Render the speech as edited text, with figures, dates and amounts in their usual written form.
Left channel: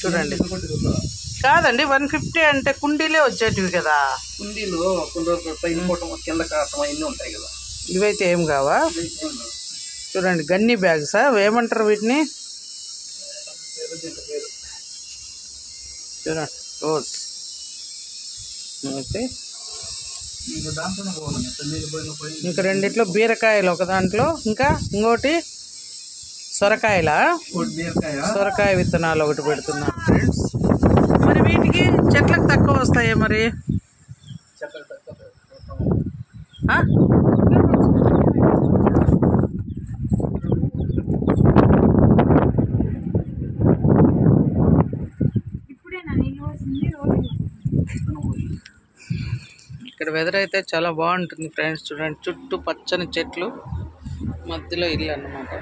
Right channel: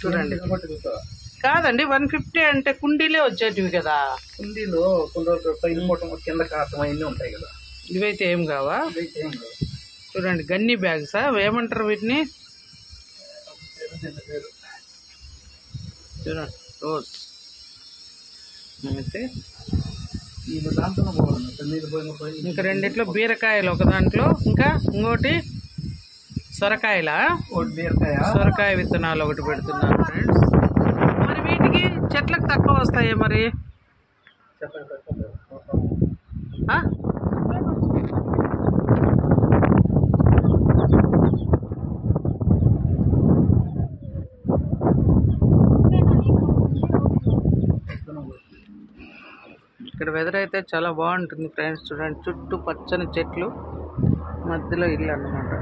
చూడండి, కాదండి 150 అంటే కుండీలే వచ్చేటివి కదా. కుండీలో కొన్ని పైన కింద కాటం అవన్నీ ఉంటాయి కదా. ఇవైతే ఏం కావా? చూడండి, గన్ని బ్యాగ్సా ఏమంటారు వీటిని? చూడండి, రోజ్ అయితే ఇంకా రెండిట్లో బీరకాయలు ఒక దాంట్లో, ఇంకా ఇంకోటి సొరకాయలా? సొరకాయ విత్తనాలు ఒకటి పెడుతున్నాను ఫ్రెండ్స్. మరి వీటికి చెట్లకు తక్కువ వస్తాయి మరి? ఇక్కడ వెదర్ అయితే చాలా బాగుంటుంది ఫ్రెండ్స్. చూడండి, చుట్టూ పచ్చని చెట్లు, మధ్యలో ఇల్లు అన్నమాట.